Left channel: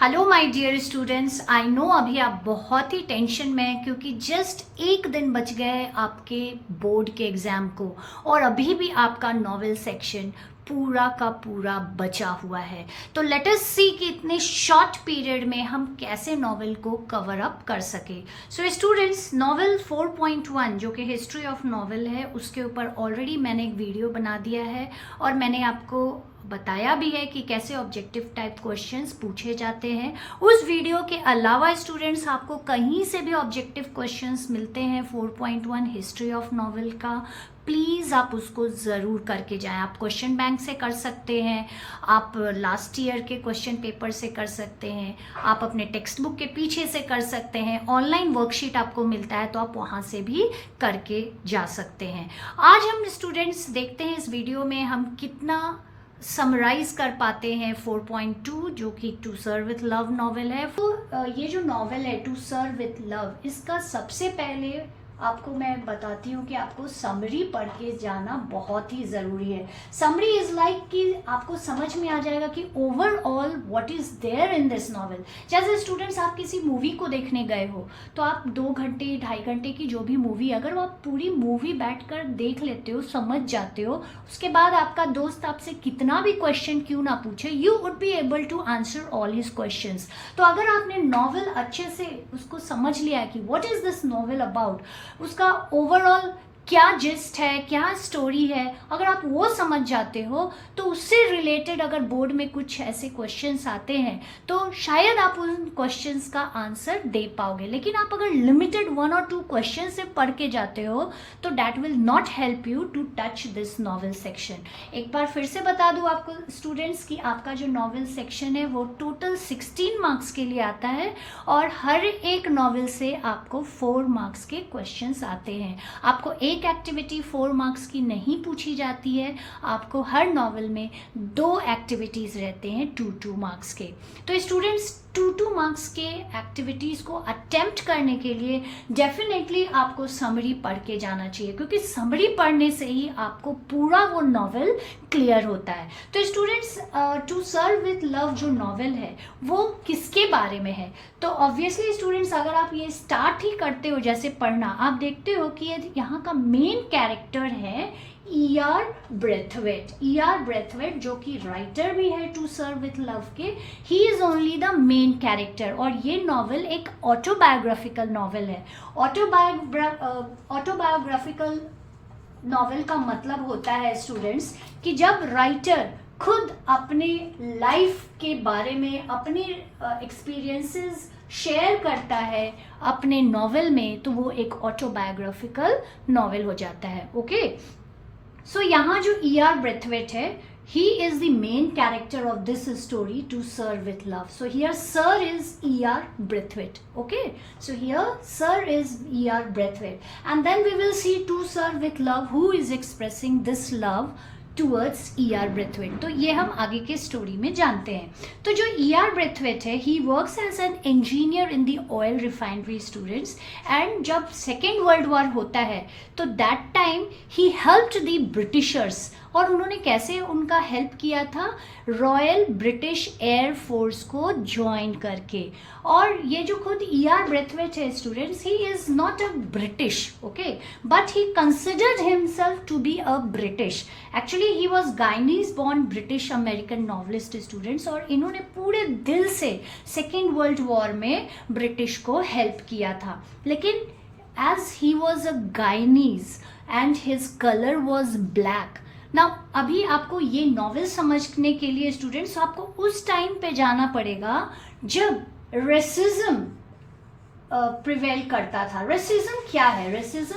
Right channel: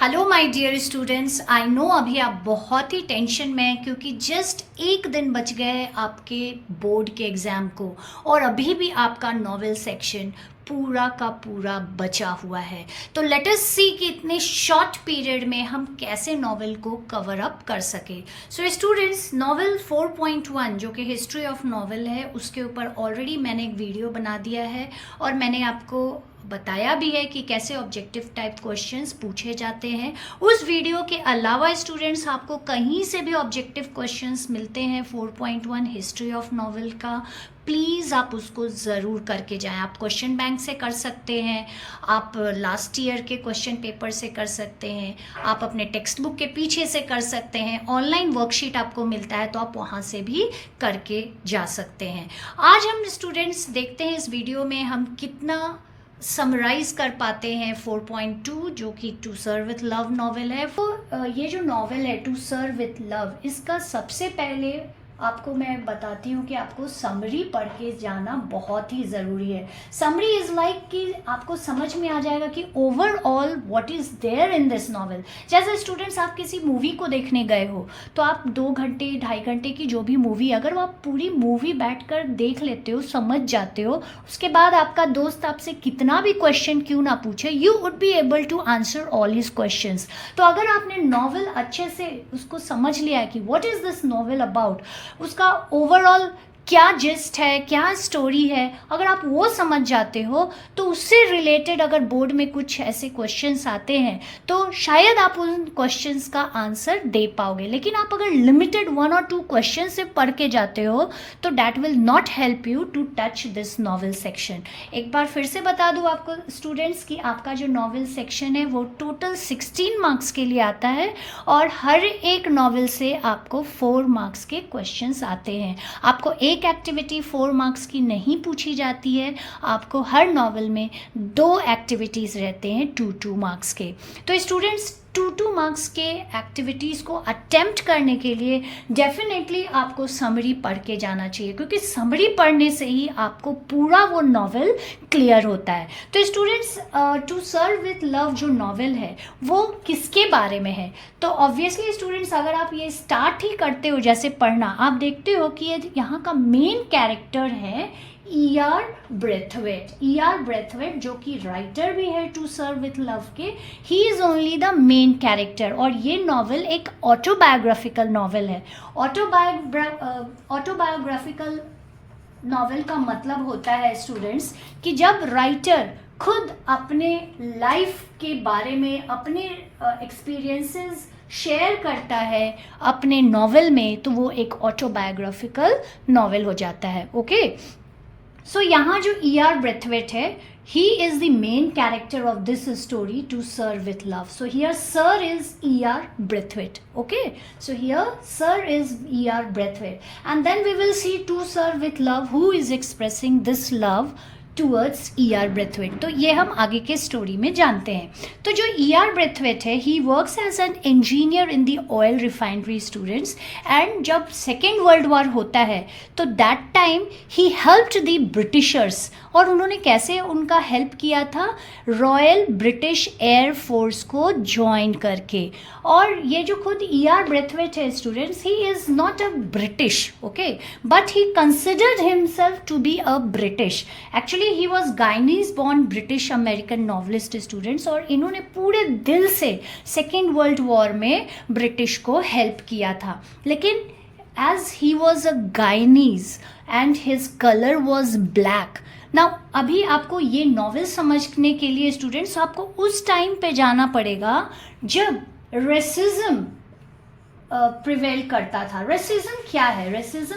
Hello my dear students, I know अभी आप बहुत ही टेंशन में हैं क्योंकि जस्ट एक दिन बच गए आपके बोर्ड के एग्ज़ाम को और अभी भी आपका नॉवेल सेक्शन पूरा का पूरा बचा हुआ है। तो लेट अस सी कि इतने शॉर्ट पीरियड में हम कैसे नॉवेल को कवर अप कर सके। सो स्टूडेंट्स, नॉवेल 4.1 जो कि हिस्ट्री ऑफ नॉवेल है उसके ऊपर ऑलरेडी मैंने एक वीडियो बना दिया है और मैंने आपको बताया भी है कि कैसे ऑब्जेक्टिव टाइप क्वेश्चंस पूछे जाते हैं। उस वीडियो के अलावा स्टूडेंट्स आपको कहीं से भी ऑब्जेक्टिव क्वेश्चंस मिलते हैं 4.1 हिस्ट्री ऑफ नॉवेल का, प्लीज़ आप उसको ज़रूर करके जाएं। आप क्वेश्चन बैंक से कर सकते हैं, आप लास्ट ईयर के क्वेश्चन पेपर से कर सकते हैं, आप अपने टेक्स्ट बुक के पीछे से कर सकते हैं, ऑनलाइन वर्कशीट आपको मिलता है तो आप वहाँ से भी करके जा सकते हैं। आज हम स्टूडेंट्स देखते हैं इस वीडियो में हम कितना समराइज कर पाते हैं 4.2 जो कि to serve with love novel है। वो ये जो नॉवेल है टू सर्व विथ लव, इसका सबसे पहले आपको मैं बताती हूँ कि आपको समरी पढ़ के जाना बहुत ही ज़रूरी है। समरी इज़ लाइक कि आपको समझ में आ जाएगा कि overall what is there in this novel. जैसे स्टूडेंट्स आप किसी मूवी को देखने गए हो तो आप 2 घंटे 2.5 घंटे की जो भी मूवी, अगर वो आप पूरी मूवी बैठकर देख लेते हो, समझ जाते हो, उसके बाद आपका दोस्त आपसे कितना भी क्वेश्चन क्यों ना पूछे, you would be able to answer all his questions. तो अगर आपने नॉवेल अच्छे से उसको समझ लिया है कि what is this novel about, उसका ओवरऑल क्या जिस्ट है, क्या स्टोरी है, अगर आप वो समझ जाते हो तो उससे रिलेटेड अगर बोर्ड में कुछ ऐसे क्वेश्चंस आते हैं तो शायद आप उन क्वेश्चंस का आंसर दे पाओगे। लेकिन आप अगर लिमिटेड 1 और 2 क्वेश्चन से पढ़ के जाते हो तो that will not help you to touch this novel section. एक बार फिर से बता दूं आपको स्टूडेंट्स कि आपका जो नॉवेल सेक्शन है वो टोटल 16 मार्क्स के लिए आता है और हर एक नॉवेल से आपको 4 मार्क्स के क्वेश्चंस आते हैं। आपको एक एक्टिविटी 4 मार्क्स की नहीं पूछी जाती है, आपको हर नॉवेल में 2 एक्टिविटीज़ रहते हैं 2 मार्क्स के। तो स्टूडेंट्स 2 मार्क्स के एक्टिविटीज़ को अटेम्प्ट करने के लिए डेफिनेटली आपको समरी पढ़ के जाना चाहिए क्योंकि समरी पढ़ने से ही आपको पूरा वो नॉवेल क्लियर होता है। तो students, to serve with love जो नॉवेल है वो किसके बारे में है? तो ऑब्वियसली स्टूडेंट्स अगर आप ये स्टार्ट ही करते हो जैसे पढ़ना, आप देखते हो कि ये यहाँ का मेन कैरेक्टर है E.R. ब्रेथवेट। E.R. ब्रेथवेट जो कि राइटर भी है टू सर्व विथ लव के, he is only the main character और ये नॉवेल एक ऑटोबायोग्राफिकल नॉवेल है। ऑटोबायोग्राफिकल नॉवेल का मतलब होता है स्टूडेंट्स कि जब राइटर खुद अपने लाइफ के बारे में अपने एक्सपीरियंसेस शेयर करता है अपने नॉवेल में तो वो एक ऑटोबायोग्राफिकल नॉवेल हो जाता है। ओके, सो यहाँ जो E.R. ब्रेथवेट है, he is the main character of this story to serve with love. So here sir is E.R. Braithwaite. Okay, so here sir is E.R. Braithwaite and then we will see to serve with love who is expressing this love towards E.R. Braithwaite. तो ये हम आगे के story में जानते हैं। तो जो E.R. Braithwaite है, he works as an engineer in the oil refinery students and जब सेकेंड वर्ल्ड वॉर होता है तो that time he helped the Britishers। और उन्होंने कैसे उनका हेल्प किया था? रॉयल ब्रिटिश एयर फोर्स को ज्वाइन करके। और ये जो खुद E.R. ब्रेथवेट है students, he is not a British, okay, but he considered himself to be a British. Actually he was Guyanese born British American novelist students और इन्होंने पूरे दिल से सेकेंड वर्ल्ड वॉर में ब्रिटिश को हेल्प किया था। लेकिन as he was a Guyanese and his colour was black. ना अभी आपको ये नॉवेल समझने के लिए स्टूडेंट्स आपको उस टाइम पे जाना पड़ेगा जब रेसिज्म प्रिवेल करता था। रेसिज्म क्या है? रेसिज्म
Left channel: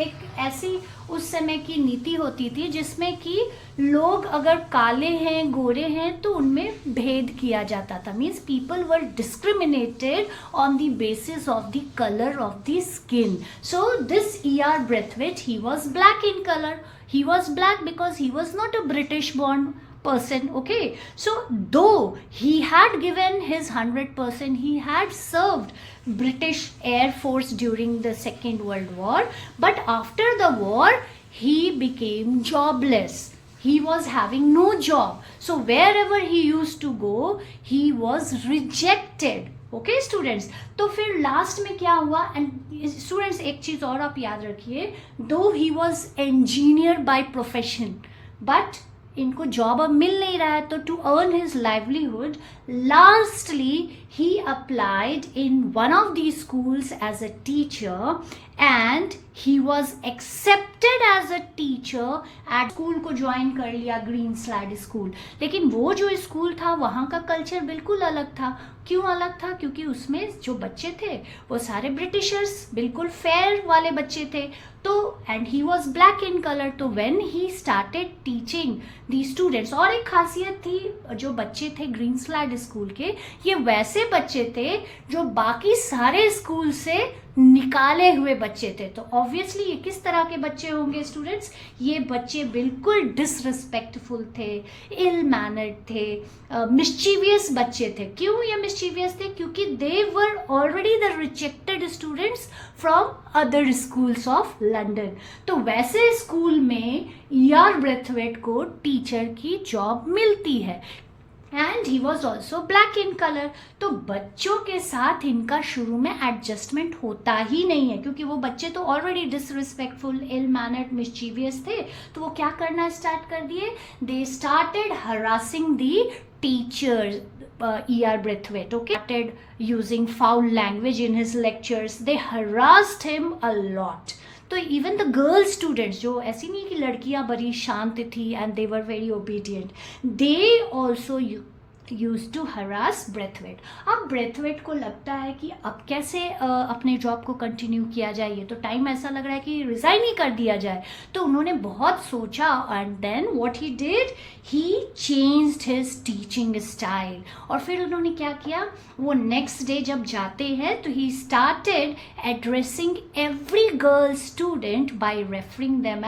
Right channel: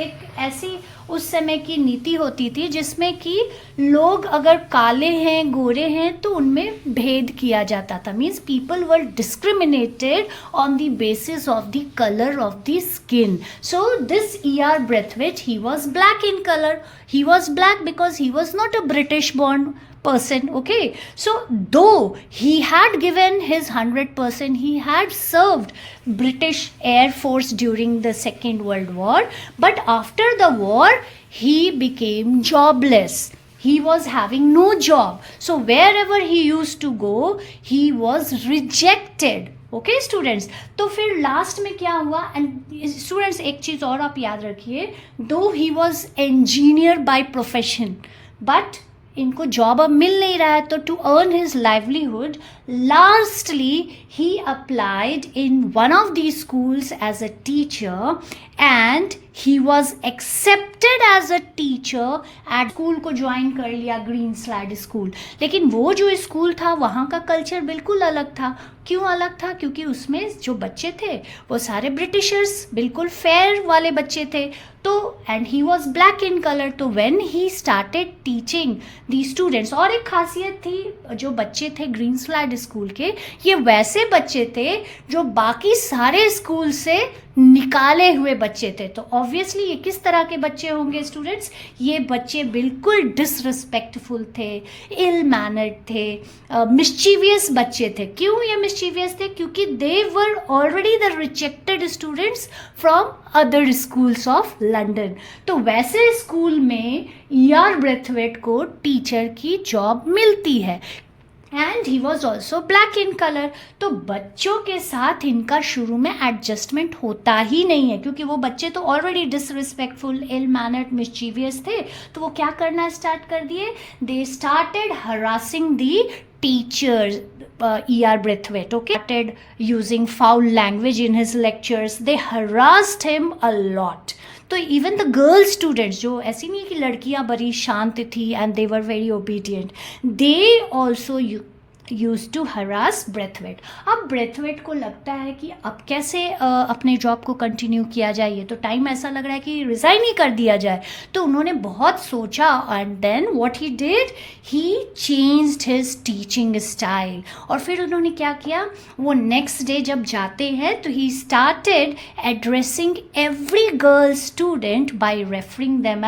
एक ऐसी उस समय की नीति होती थी जिसमें कि लोग अगर काले हैं गोरे हैं तो उनमें भेद किया जाता था। Means people were discriminated on the basis of the colour of the skin. So this E.R. Braithwaite, he was black in colour. He was black because he was not a British born person. Okay, so though he had given his 100%, he had served British Air Force during the Second World War, but after the war he became jobless. he was having no job, so wherever he used to go he was rejected. Okay students, तो फिर last में क्या हुआ? And students एक चीज और आप याद रखिए, though he was engineer by profession, but इनको जॉब अब मिल नहीं रहा है, तो to earn his livelihood lastly he applied in one of the schools as a teacher and he was accepted as a teacher at school को join कर लिया, ग्रीन स्लैड स्कूल। लेकिन वो जो स्कूल था वहाँ का कल्चर बिल्कुल अलग था। क्यों अलग था? क्योंकि उसमें जो बच्चे थे वो सारे ब्रिटिशर्स, बिल्कुल फेयर वाले बच्चे थे। तो and he was black in colour, तो when he started teaching the students, और एक खासियत थी, जो बच्चे थे ग्रीन स्लैड स्कूल के, ये वैसे बच्चे थे जो बाकी सारे स्कूल से निकाले हुए बच्चे थे। तो ऑब्वियसली ये किस तरह के बच्चे होंगे स्टूडेंट्स? ये बच्चे बिल्कुल डिसरिस्पेक्टफुल थे, इल मैनर्ड थे, मिस्चीवियस बच्चे थे। क्यों ये मिस्चीवियस थे? क्योंकि they were already the rejected students from other schools of London. तो वैसे स्कूल में E.R. ब्रेथवेट को टीचर की जॉब मिलती है and he was also black in colour. तो बच्चों के साथ इनका शुरू में एडजस्टमेंट होता ही नहीं है, क्योंकि वो बच्चे तो already disrespectful, ill mannered, mischievous थे। तो वो क्या करना स्टार्ट कर दिए? They started harassing the teachers, E.R. Braithwaite, okay, started using foul language in his lectures. They harassed him a lot. तो इवन द गर्ल स्टूडेंट्स, जो ऐसी नहीं कि लड़कियां बड़ी शांत थी and they were very obedient, they also use to harass Braithwaite. अब ब्रेथवेट को लगता है कि अब कैसे अपने जॉब को कंटिन्यू किया जाए, ये तो टाइम ऐसा लग रहा है कि रिज़ाइन ही कर दिया जाए। तो उन्होंने बहुत सोचा and then what he did, he changed his teaching style. और फिर उन्होंने क्या किया, वो नेक्स्ट डे जब जाते हैं तो he started addressing every girl student by referring them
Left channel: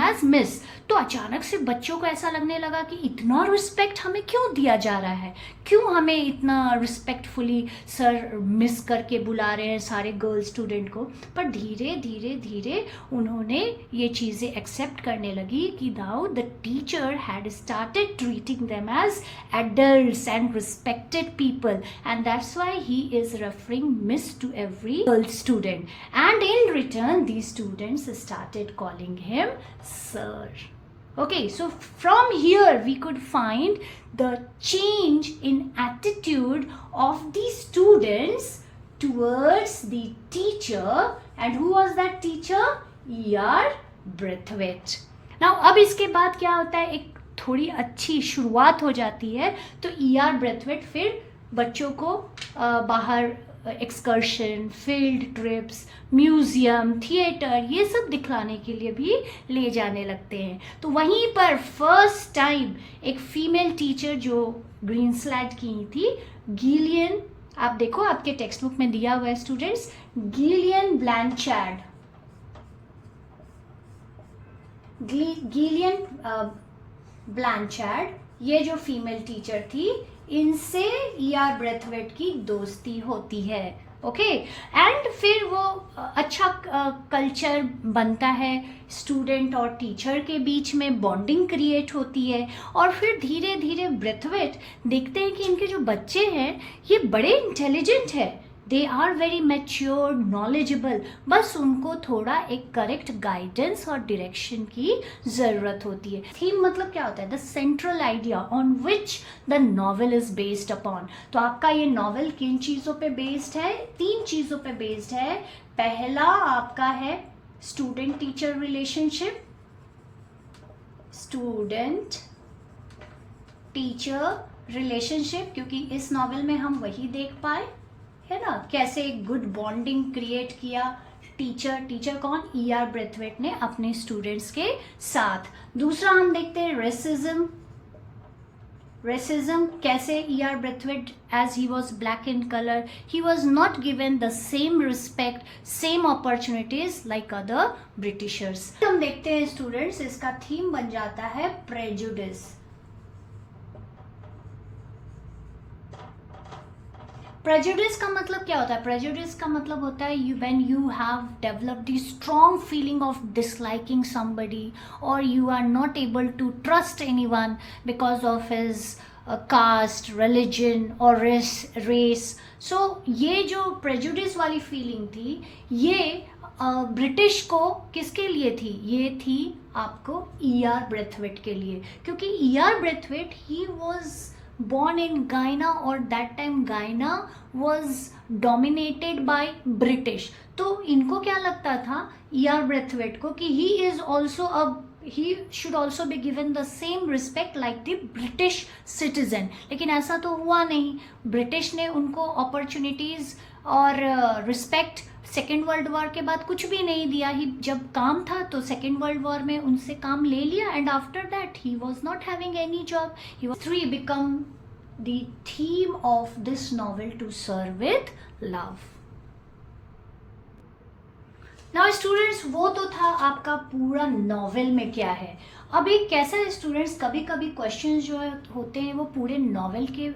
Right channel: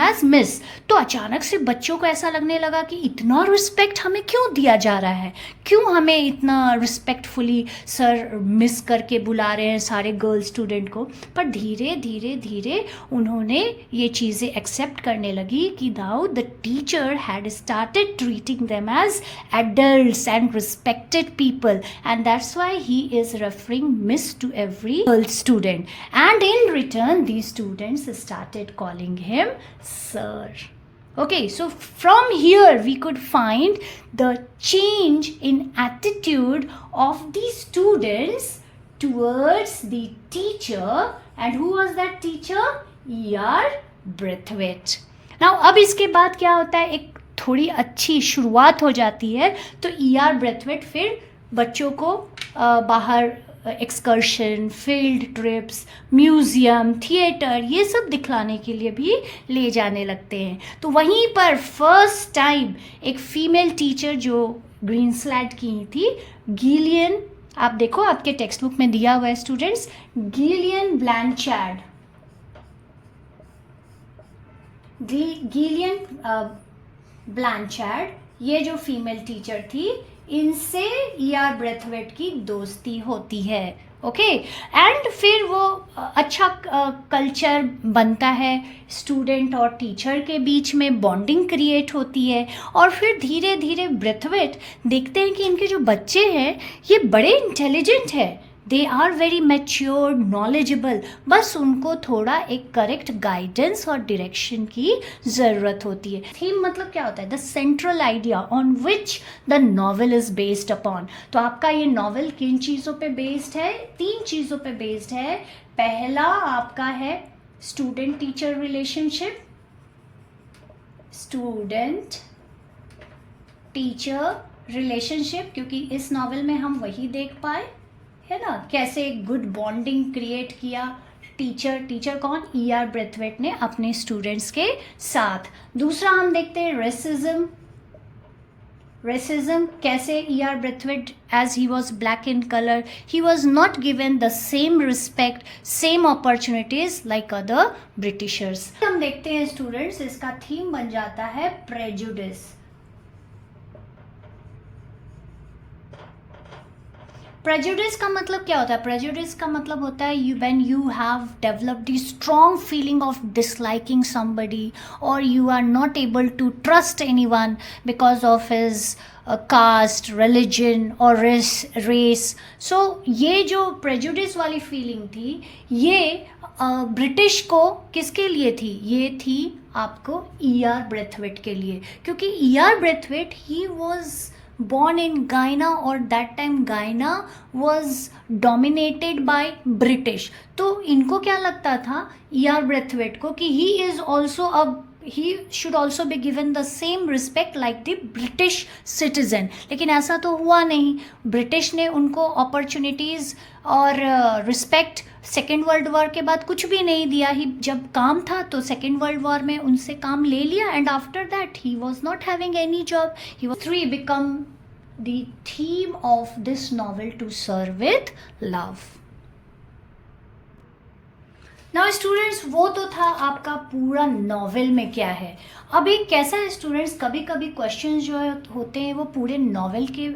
as Miss. तो अचानक से बच्चों को ऐसा लगने लगा कि इतना रिस्पेक्ट हमें क्यों दिया जा रहा है, क्यों हमें इतना रिस्पेक्टफुली सर मिस करके बुला रहे हैं सारे गर्ल स्टूडेंट को। पर धीरे धीरे धीरे उन्होंने ये चीज़ें एक्सेप्ट करने लगी कि now the teacher had started treating them as adults and respected people, and that's why he is referring Miss to every girl student, and in return the students started calling him sir. Okay, so from here we could find the change in attitude of the students towards the teacher. And who was that teacher? E.R. Braithwaite. Now अब इसके बाद क्या होता है, एक थोड़ी अच्छी शुरुआत हो जाती है। तो E.R. Braithwaite फिर बच्चों को बाहर excursion, field trips, museum, theatre, ये सब दिखलाने के लिए भी ले जाने लगते हैं। तो वहीं पर फर्स्ट टाइम एक फीमेल टीचर जो ग्रीन स्लैड की थी, गिलियन, आप देखो आपके टेक्स्ट बुक में दिया हुआ है स्टूडेंट्स, गिलियन ब्लैंचार्ड, ये जो फीमेल टीचर थी, इनसे E.R. ब्रेथवेट की दोस्ती होती है। ओके, एंड फिर वो अच्छा कल्चर बनता है, स्टूडेंट और टीचर के बीच में बॉन्डिंग क्रिएट होती है। और फिर धीरे धीरे ब्रेथवेट देखते हैं कि इनके जो बच्चे हैं ये बड़े इंटेलिजेंट है, they are very mature, knowledgeable, बस उनको थोड़ा एक करेक्ट गाइडेंस और डायरेक्शन की ज़रूरत होती है। थीम मतलब क्या होता है? The central idea on which the novel is based upon. तो आपका ये नॉवेल किन चीज़ों पे बेस्ड है? 3 चीज़ों पे बेस्ड है। पहला आपका है student teacher relationship, student teacher relationship, क्योंकि इस नॉवेल में हम वही देख पाए है ना, कैसे एक गुड बॉन्डिंग क्रिएट किया टीचर कौन? E.R. ब्रेथवेट ने अपने स्टूडेंट्स के साथ। दूसरा हम देखते हैं रेसिज्म, कैसे E.R. Braithwaite, as he was black in colour, he was not given the same respect, same opportunities like other Britishers. हम देखते हैं स्टूडेंट्स, इसका थीम बन जाता है प्रेजुडिस। प्रेजुडिस का मतलब क्या होता है? प्रेजुडिस का मतलब होता है when you have developed the strong feeling of disliking somebody और you are not able to trust anyone because of his caste, religion और रेस. सो ये जो प्रेजुडिस वाली फीलिंग थी, ये ब्रिटिश को किसके लिए थी? ये थी आपको E.R. ब्रेथवेट के लिए, क्योंकि E.R. Braithwaite he was born in Guyana और that time Guyana was dominated by British. तो इनको क्या लगता था E.R. ब्रेथवेट को कि he should also be given the same respect like the British citizen. लेकिन ऐसा तो हुआ नहीं. ब्रिटिश ने उनको अपॉर्चुनिटीज़ और रिस्पेक्ट सेकेंड वर्ल्ड वॉर के बाद कुछ भी नहीं दिया. ही जब काम था तो सेकेंड वर्ल्ड वॉर में उनसे काम ले लिया and after that he was not having any job. He was 3 become the theme of this novel to serve with love. Now students, वो तो था आपका पूरा नॉवेल में क्या है. अब एक कैसा है स्टूडेंट्स, कभी कभी क्वेश्चंस जो होते हैं वो पूरे नॉवेल के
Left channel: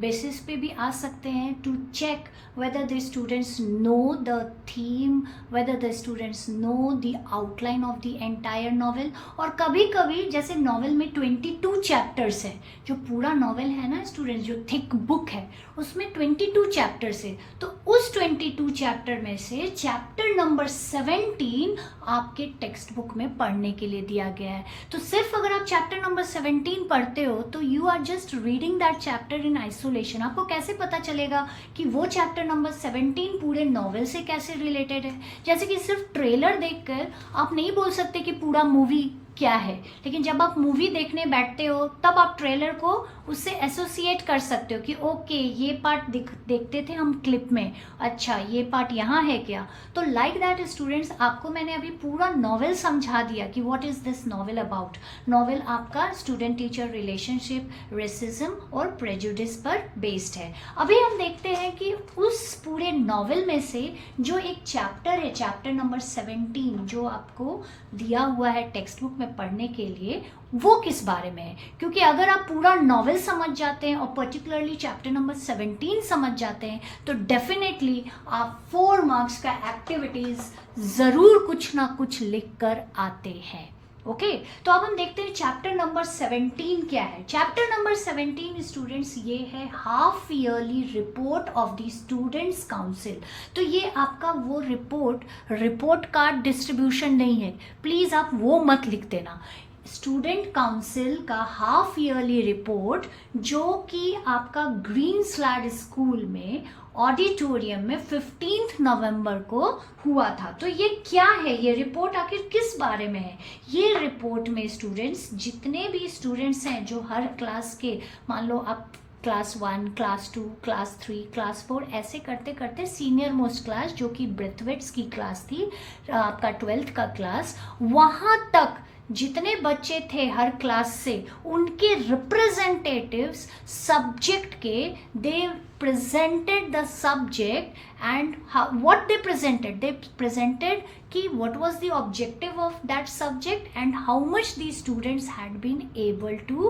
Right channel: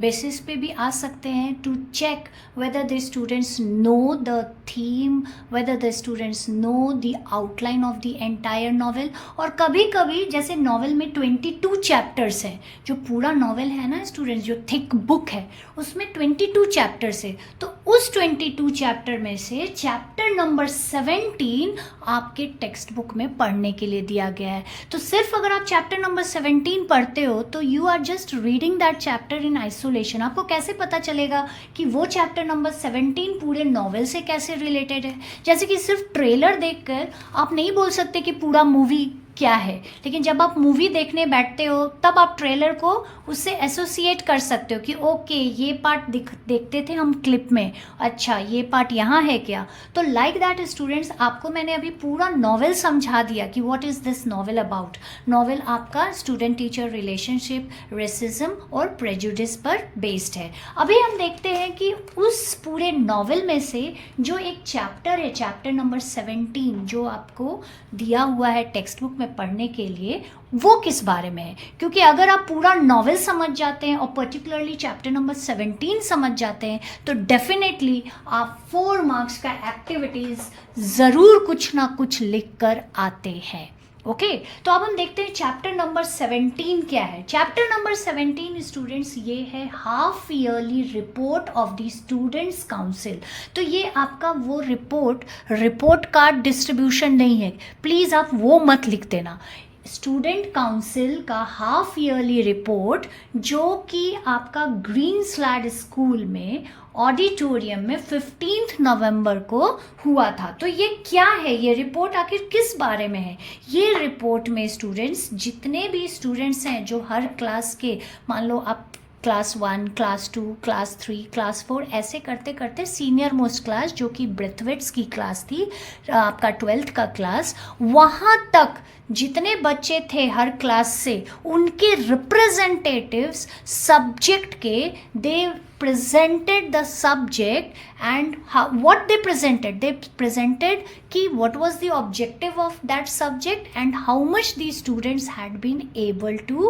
बेसिस पे भी आ सकते हैं to check whether the students know the theme, whether the students know the outline of the entire novel. और कभी कभी जैसे नॉवेल में 22 चैप्टर्स हैं, जो पूरा नॉवेल है ना स्टूडेंट्स, जो थिक बुक है उसमें 22 चैप्टर्स है. तो उस 22 चैप्टर में से चैप्टर नंबर 17 आपके टेक्स्ट बुक में पढ़ने के लिए दिया गया है. तो सिर्फ अगर आप चैप्टर नंबर 17 पढ़ते हो तो you are just reading that chapter in isolation. आपको कैसे पता चलेगा कि वो चैप्टर नंबर 17 पूरे नॉवेल से कैसे रिलेटेड है? जैसे कि सिर्फ ट्रेलर देखकर आप नहीं बोल सकते कि पूरा मूवी क्या है, लेकिन जब आप मूवी देखने बैठते हो तब आप ट्रेलर को उससे एसोसिएट कर सकते हो कि ओके ये पार्ट देखते थे हम क्लिप में, अच्छा ये पार्ट यहाँ है क्या. तो लाइक दैट स्टूडेंट्स, आपको मैंने अभी पूरा नॉवेल समझा दिया कि what is this novel about. Novel आपका स्टूडेंट टीचर रिलेशनशिप, रेसिज्म और प्रेजुडिस पर बेस्ड है. अभी हम देखते हैं कि उस पूरे नॉवेल में से जो एक चैप्टर है, चैप्टर नंबर 17 जो आपको दिया हुआ है टेक्स्ट बुक में पढ़ने के लिए, वो किस बारे में है. क्योंकि अगर आप पूरा नॉवेल समझ जाते हैं और पर्टिकुलरली चैप्टर नंबर 17 समझ जाते हैं तो डेफिनेटली आप 4 मार्क्स का एक्टिविटीज ज़रूर कुछ ना कुछ लिख कर आते हैं. ओके, तो अब हम देखते हैं चैप्टर नंबर 17 क्या है. चैप्टर नंबर 17 स्टूडेंट्स ये है half yearly report of the students council. तो ये आपका वो रिपोर्ट कार्ड डिस्ट्रीब्यूशन नहीं है, प्लीज़ आप वो मत लिख देना. स्टूडेंट काउंसिल का हाफ ईयरली रिपोर्ट जो कि आपका ग्रीन स्लैड स्कूल में ऑडिटोरियम में 15 नवंबर को हुआ था. तो ये क्या है, ये रिपोर्ट आखिर किस बारे में है? ये रिपोर्ट में स्टूडेंट्स, जितने भी स्टूडेंट्स हैं जो हर क्लास के, मान लो आप क्लास 1, क्लास 2, क्लास 3, क्लास 4 ऐसे करते करते सीनियर मोस्ट क्लास जो कि ब्रेथवेट्स की क्लास थी, आपका 12th का क्लास, वहाँ तक जितने बच्चे थे हर क्लास से, उनके रिप्रेजेंटेटिव्स सब्जेक्ट के, दे presented the subject and what they presented कि what was the objective of that subject and how much the students had been able to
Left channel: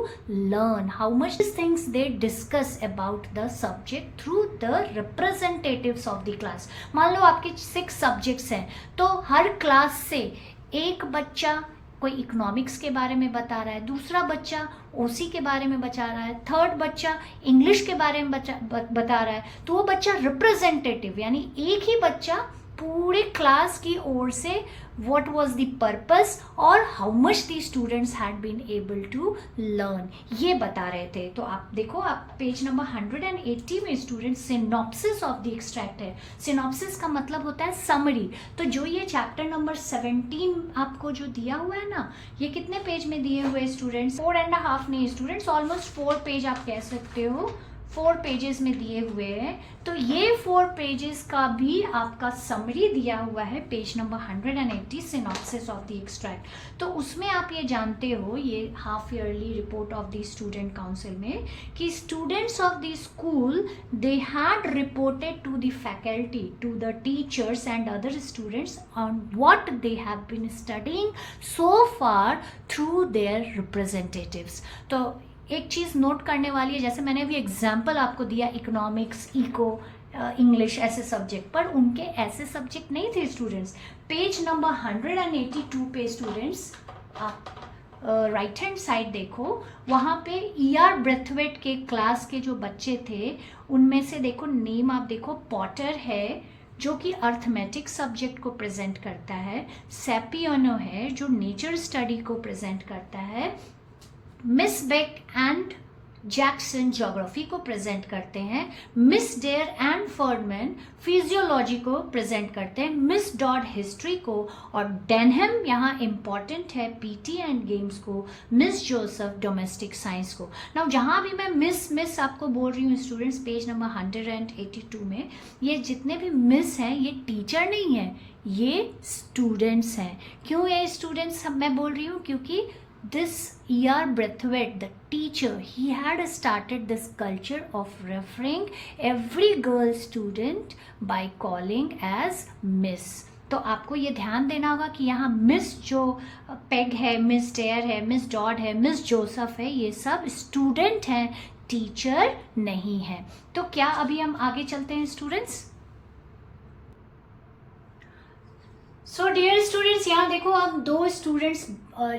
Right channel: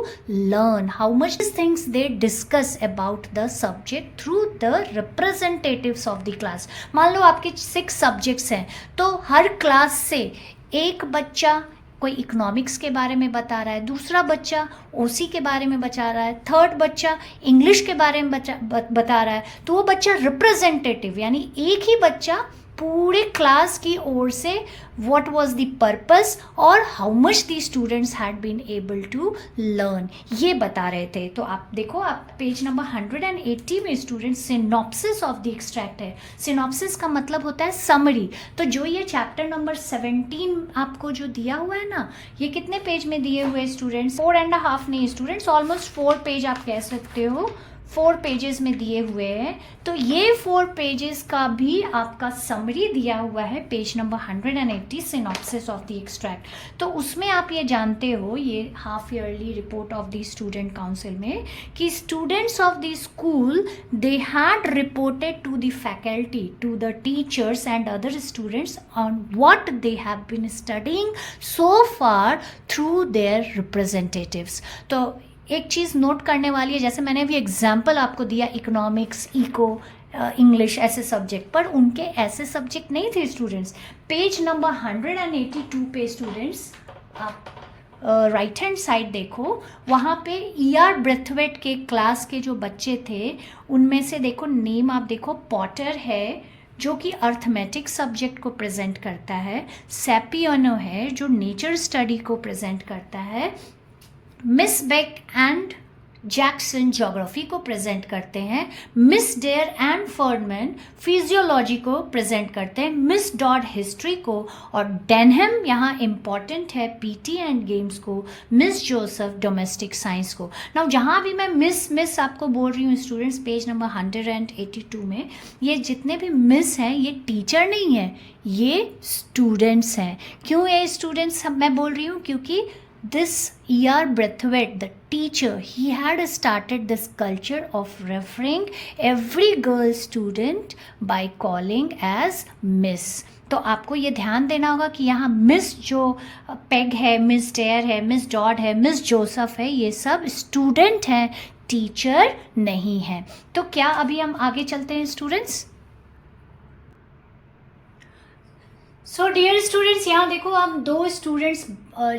learn, how much things they discuss about the subject through the representatives of the class. मान लो आपके 6 subjects हैं, तो हर class से एक बच्चा कोई economics के बारे में बता रहा है, दूसरा बच्चा ओसी के बारे में बता रहा है, थर्ड बच्चा इंग्लिश के बारे में बता रहा है. तो वो बच्चा रिप्रेजेंटेटिव, यानी एक ही बच्चा पूरे क्लास की ओर से व्हाट वाज द पर्पस और how much the students had been able to learn, ये बता रहे थे. तो आप देखो, आप पेज नंबर 180 में students synopsis of the extract है. सिनॉप्सिस का मतलब होता है समरी. तो जो ये चैप्टर नंबर 17 आपको जो दिया हुआ है ना, ये कितने पेज में दिए हुए स्टूडेंट्स? 4.5 नहीं स्टूडेंट्स, ऑलमोस्ट 4 पेज आप कह सकते हो, 4 पेजेस में दिए हुए हैं. तो ये 4 पेजेस का भी आपका समरी दिया हुआ है, page number 180, synopsis of the extract. तो उसमें आप ये जानते हो, ये half yearly report of the student council में, कि students of the school they had reported to the faculty, to the teachers and other students on what they have been studying so far through their representatives. तो एक चीज़ note करने वाली है, जैसे मैंने अभी एग्जाम्पल आपको दिया, इकोनॉमिक्स, इको इंग्लिश ऐसे सब्जेक्ट, पर उनके ऐसे सब्जेक्ट नहीं थे स्टूडेंट्स। पेज नंबर 182 पे स्टूडेंट्स आप राइट हैंड साइड देखो, वहाँ पे ER ब्रेथवेट के क्लास के जो बच्चे थे उनमें से देखो नेम आप देखो, पॉटर है जो कि अर्थमेटिक सब्जेक्ट को प्रेजेंट करता है, सैपियानो है जो नेचर स्टडी को प्रेजेंट करता है, miss Beck and Jackson geography को प्रेजेंट करते हैं, miss Dare and Ferdman physiology को प्रेजेंट करते हैं, मिस डॉड हिस्ट्री को, और डेनहम यहाँ इम्पॉर्टेंट है PT एंड गेम्स को, मिस जोसेफ डोमेस्टिक साइंस को। नाउ जहाँ भी मैं मिस आपको बोल रही हूँ स्टूडेंट्स, पेज नंबर 182 में ये जितने भी मिस हैं ये टीचर नहीं है, ये स्टूडेंट्स हैं। क्यों ये स्टूडेंट्स मैं बोल रही हूँ? क्योंकि this ER Braithwaite, the teacher, he had started this culture of referring every girl student by calling as miss. तो आपको ये ध्यान देना होगा कि यहाँ मिस जो पेग है, मिस डेयर है, मिस डॉड है, मिस जोसेफ है, ये सब स्टूडेंट हैं, टीचर नहीं है। तो क्या अभी हम आगे चलते हैं स्टूडेंट्स? सो डियर स्टूडेंट्स, यहाँ देखो हम दो स्टूडेंट्स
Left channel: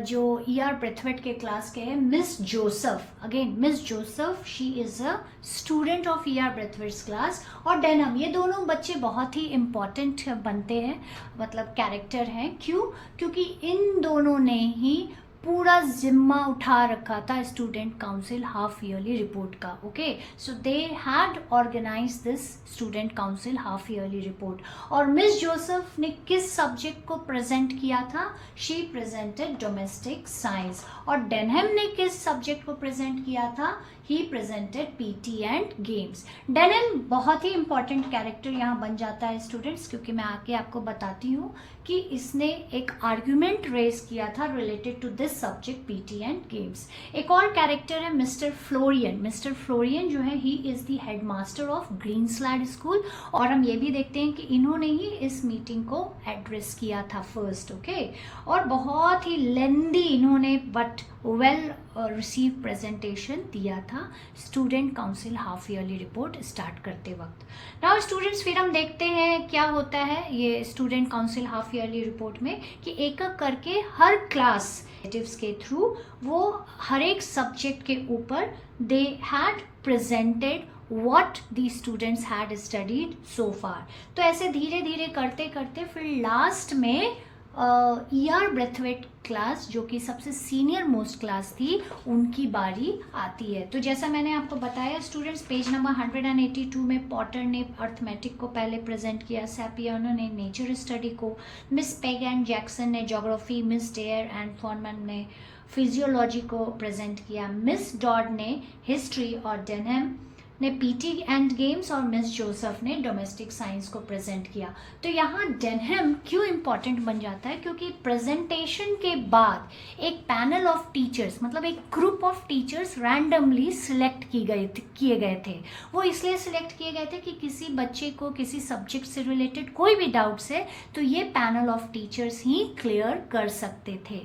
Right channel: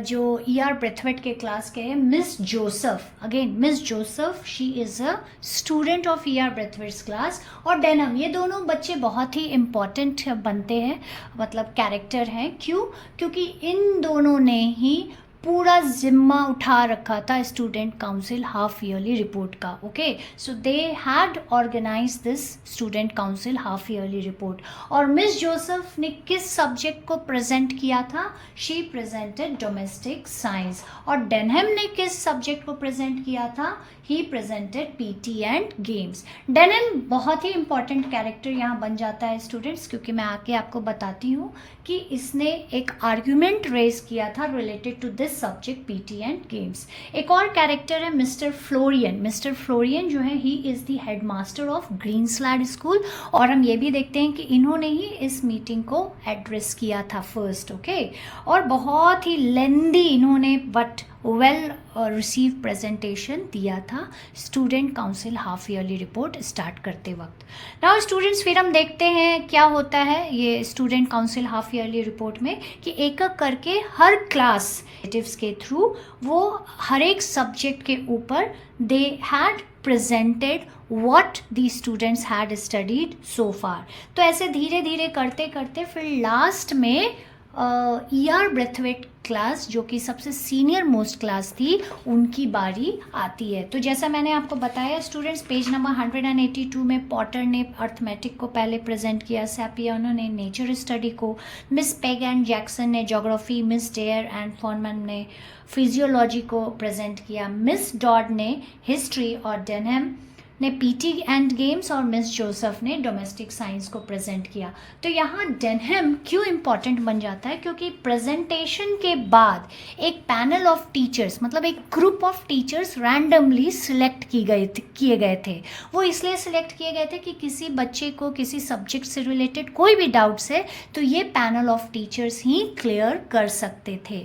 जो ER ब्रेथवेट के क्लास के हैं, Miss Joseph, again Miss Joseph, she is a student of ER Braithwaite's class, और डेनहम, ये दोनों बच्चे बहुत ही इम्पॉर्टेंट बनते हैं, मतलब कैरेक्टर हैं। क्यों? क्योंकि इन दोनों ने ही पूरा जिम्मा उठा रखा था student council half yearly report का। Okay, so they had organise this student council half yearly report. और मिस जोसेफ ने किस सब्जेक्ट को प्रेजेंट किया था? She presented domestic science. और डेनहम ने किस सब्जेक्ट को प्रेजेंट किया था? He presented PT and games. Denham बहुत ही इंपॉर्टेंट कैरेक्टर यहाँ बन जाता है स्टूडेंट्स, क्योंकि मैं आके आपको बताती हूँ कि इसने एक आर्ग्यूमेंट रेज किया था related to this subject PT and games. एक और कैरेक्टर है मिस्टर फ्लोरियन। मिस्टर फ्लोरियन जो है, he is the head master of Greenslade school, और हम ये भी देखते हैं कि इन्होंने ही इस मीटिंग को एड्रेस किया था फर्स्ट। ओके, और बहुत ही लेंदी इन्होंने बट वेल रिसीव प्रेजेंटेशन दिया था student council half yearly report start करते वक्त। नाउ स्टूडेंट्स, फिर हम देखते हैं क्या होता है ये student council half yearly report में, कि एक एक करके हर क्लास के थ्रू वो हर एक सब्जेक्ट के ऊपर they had presented what the students had studied so far। तो ऐसे धीरे धीरे करते करते फिर लास्ट में ER ब्रेथवेट क्लास, जो कि सबसे सीनियर मोस्ट क्लास थी, उनकी बारी आती है। तो जैसा मैंने आपको बताया स्टूडेंट्स, पेज नंबर 182 में पॉटर ने अर्थमेटिक को पहले प्रेजेंट किया, सैपियानो ने नेचर स्टडी को, मिस पेग एंड जैक्सन ने geography, miss Dare and Forman ने फिजियोलॉजी को प्रेजेंट किया, मिस डॉड ने हिस्ट्री, और डेनहम ने PT एंड गेम्स, और मिस जोसेफ ने डोमेस्टिक साइंस को प्रेजेंट किया। तो यहाँ डेनहम क्यों इम्पॉर्टेंट बन जाता है? क्योंकि प्रेजेंटेशन के बाद एक पैनल ऑफ टीचर्स, मतलब एक group of teachers randomly select किए गए थे। वो इसलिए सिलेक्ट किए गए थे कि किसी बच्चे को किसी सब्जेक्ट से रिलेटेड कोई भी डाउट्स है तो ये panel of teachers he clear कर सकते थे।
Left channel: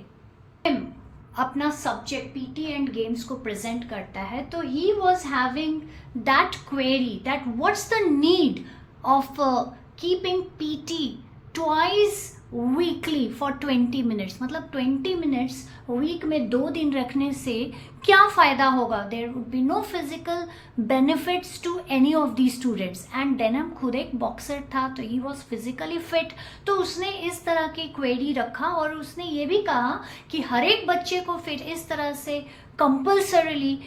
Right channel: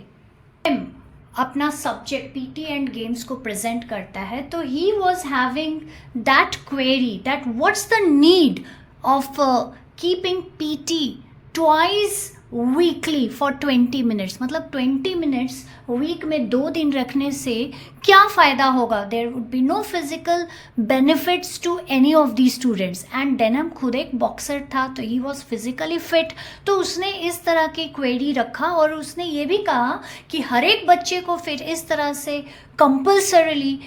अपना सब्जेक्ट PT एंड गेम्स को प्रेजेंट करता है, तो ही was having that query that what's the need of keeping PT twice weekly for 20 minutes, मतलब 20 मिनट्स वीक में 2 दिन रखने से क्या फ़ायदा होगा? There would be no physical benefits to any of the students. And Denham खुद एक बॉक्सर था, तो ही वॉज फिजिकली फिट, तो उसने इस तरह की क्वेरी रखा, और उसने ये भी कहा कि हर एक बच्चे को फिर इस तरह से कंपल्सरीली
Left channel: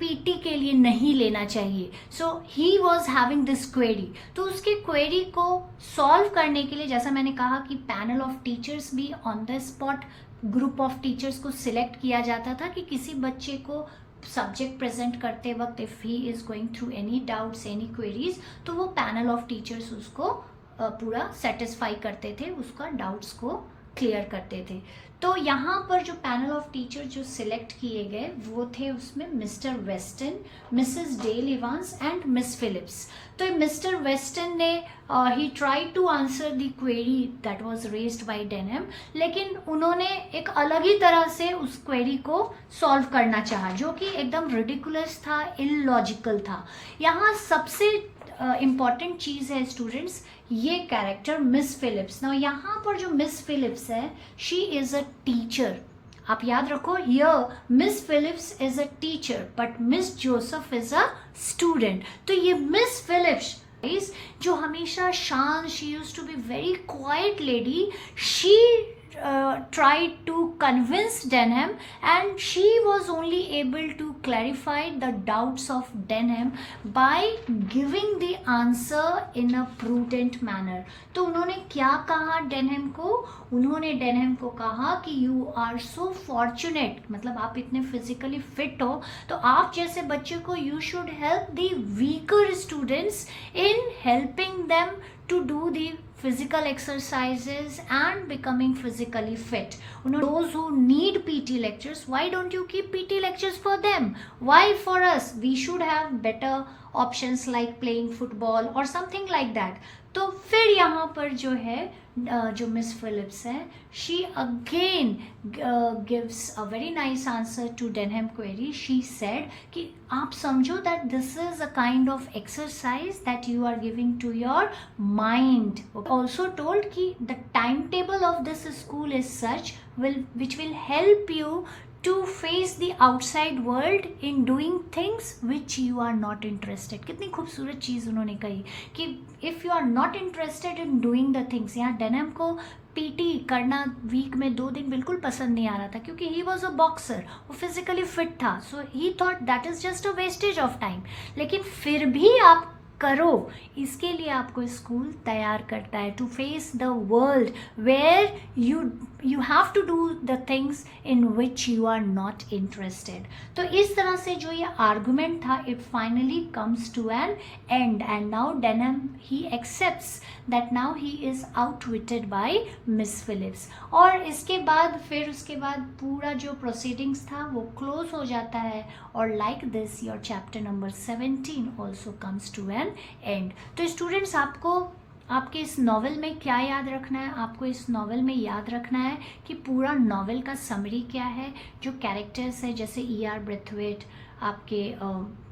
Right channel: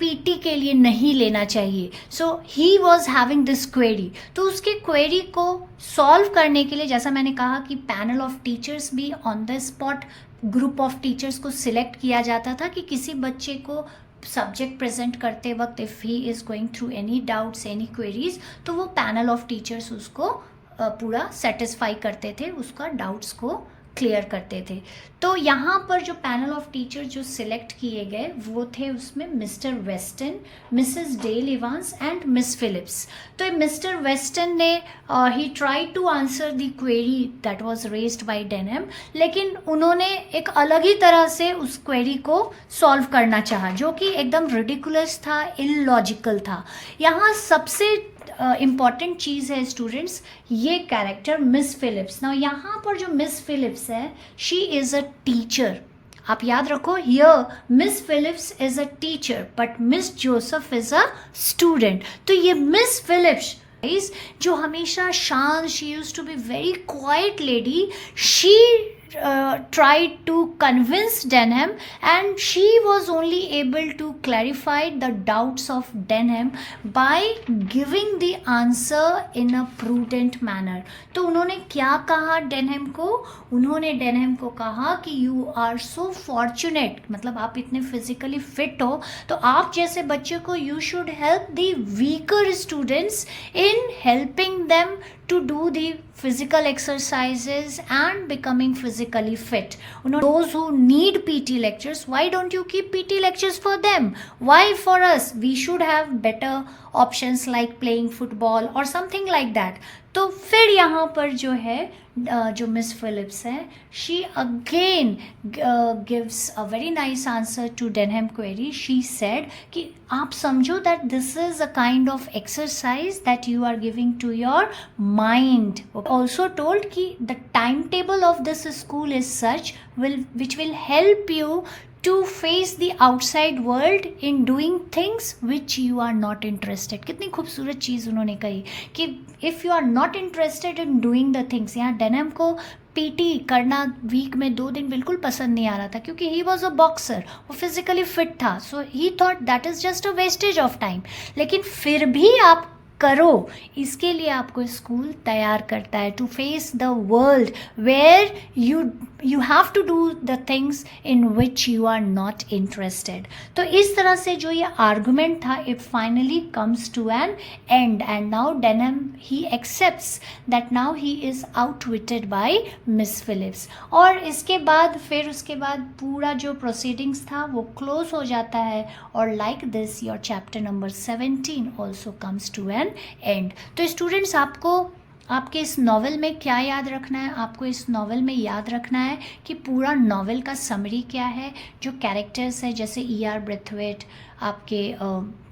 PT के लिए नहीं लेना चाहिए। So he was having this query. तो उसके क्वेरी को सॉल्व करने के लिए, जैसा मैंने कहा कि पैनल ऑफ टीचर्स भी on the spot group of teachers को सिलेक्ट किया जाता था कि किसी बच्चे को सब्जेक्ट प्रेजेंट करते वक्त if he is going through any doubts, any queries, तो वो पैनल ऑफ टीचर्स उसको पूरा सेटिस्फाई करते थे, उसका डाउट्स को क्लियर करते थे। तो यहाँ पर जो पैनल ऑफ टीचर जो सिलेक्ट किए गए वो थे, उसमें Mr Weston, Mrs Dale Evans and Miss Phillips. तो मिस्टर वेस्टन ने he try to answer the query that was raised by Denham, लेकिन उन्होंने एक अलग ही तरह से उस क्वेरी को सॉल्व करना चाहा, जो कि एकदम रिडिकुलस था, इलॉजिकल था। यहाँ सबसे इम्पॉर्टेंट चीज़ है स्टूडेंट्स, ये कैरेक्टर मिस फिलिप्स। नाउ यहाँ पर जो मिस फिलिप्स है, शी इज़ अ टीचर। आप याद रखो, here miss Phillips is a teacher but miss Joseph is a student. तो ये मिस फिलिप्स जो हमेशा शांत, she use to be very quiet lady, she tried to convince Denham, and she was only able to clarify the doubts of Denham by giving the answer in a prudent manner. तो उन्होंने क्या कहा Denham को? उन्होंने Denham को कहा कि you are so fortunate, मतलब आप इतने physically fit हो, तो आप जैसे बच्चे को you should help the weaker students in helping them to do the physical exercises and becoming physically fit. Those who need PT lectures, why don't you keep PT lectures for them? Why for us? We should have better options like playing football or something like that. तो फिर यहाँ पर जो है जो miss Phillips है, she again gives a very nice answer to Denham query. She said कि आप समझो that this is a kind of exercise that you are giving to your mind. Also told कि the time table of this school is such which will help you to face the outside world in doing things which you are not interested। कितनी खूबसूरत चीज़ उन्होंने कही कि if you are not interested in doing the things। यहाँ Denham को PT करना week में 2 दिन बिल्कुल पसंद नहीं आ रहा था, क्योंकि ही वॉज अ बॉक्सर, वो फिजिकली फिट था, so he thought that is just a wastage of time. लेकिन फिर भी आप करो, इसके लिए आपको स्कूल तैयार करता है to face the world where you have to do the things in which you are not interested. तो इस तरह से जो ये आर्गुमेंट था, it finally comes to an end, and now Denham he accepts that now he is outwitted by miss Phillips. और इसके बाद फिर उसके बाद पूरा जो प्रोसीडिंग्स था वो क्लोज हो जाता है, और like this your chapter number 17 also comes to an end. तो स्टूडेंट्स, आपको आपके इस नॉवेल में क्या याद रखना है? आपको इस नॉवेल में याद रखना है कि पूरा नॉवेल का समरी क्या है, जो कैरेक्टर्स है जैसे E.R. ब्रेथवेट, आपके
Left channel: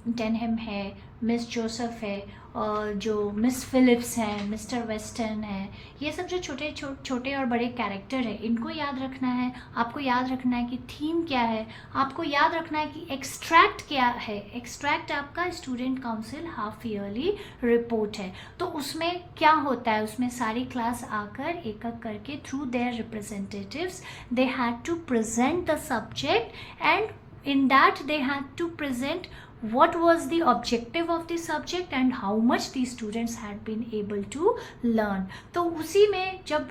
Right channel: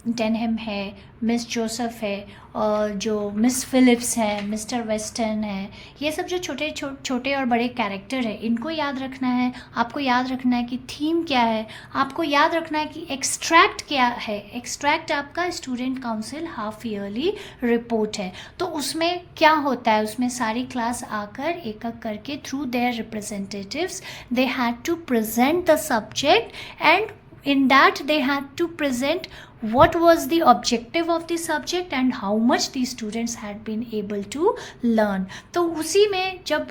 डेनहम है, मिस जोसेफ है, और जो मिस फिलिप्स है, मिस्टर वेस्टन है, ये सब जो छोटे और बड़े कैरेक्टर है, इनको याद रखना है। आपको याद रखना है कि थीम क्या है, आपको याद रखना है कि एक्सट्रैक्ट क्या है। एक्सट्रैक्ट आपका student council half yearly report है, तो उसमें क्या होता है, उसमें सारी क्लास आकर एक एक करके through their representatives they had to present the subject, and in that they had to present what was the objective of the subject and how much the students had been able to learn। तो उसी में जब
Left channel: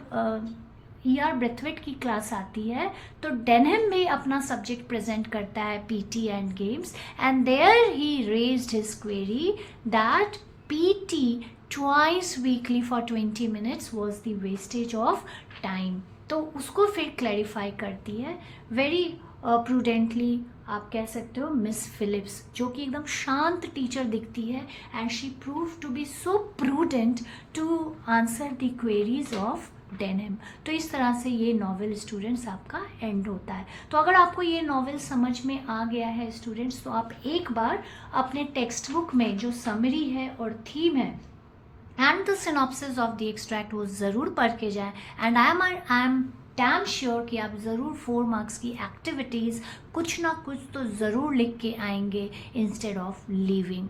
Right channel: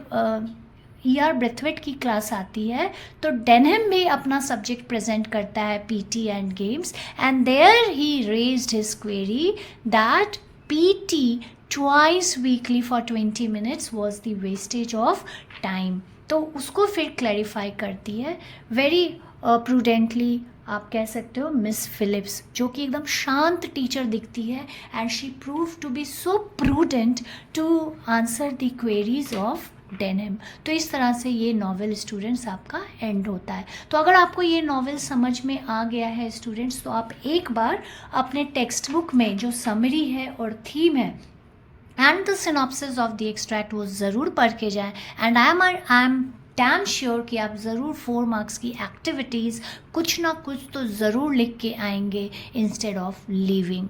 E.R. Brathwaite की class आती है तो Denham भी अपना सब्जेक्ट प्रेजेंट करता है, PT and games, and there he raised his query that PT twice weekly for 20 minutes was the wastage of time। तो उसको फिर क्लैरिफाई करती है वेरी प्रूडेंटली, आप कह सकते हो, मिस फिलिप्स, जो कि एकदम शांत टीचर दिखती है, and she prove to be so prudent to answer the queries of Denham. तो इस तरह से ये नॉवेल स्टूडेंट्स आपका एंड होता है। तो अगर आपको ये नॉवेल समझ में आ गया है स्टूडेंट्स, तो आप एक बार अपने टेक्स्ट बुक में जो समरी है और थीम है and the synopsis of the extract वो ज़रूर पढ़ के जाएं, and I am damn sure कि आप ज़रूर 4 मार्क्स की एक्टिविटीज़ कुछ ना कुछ तो ज़रूर लिख के आएंगे इंस्टेड ऑफ लीविंग।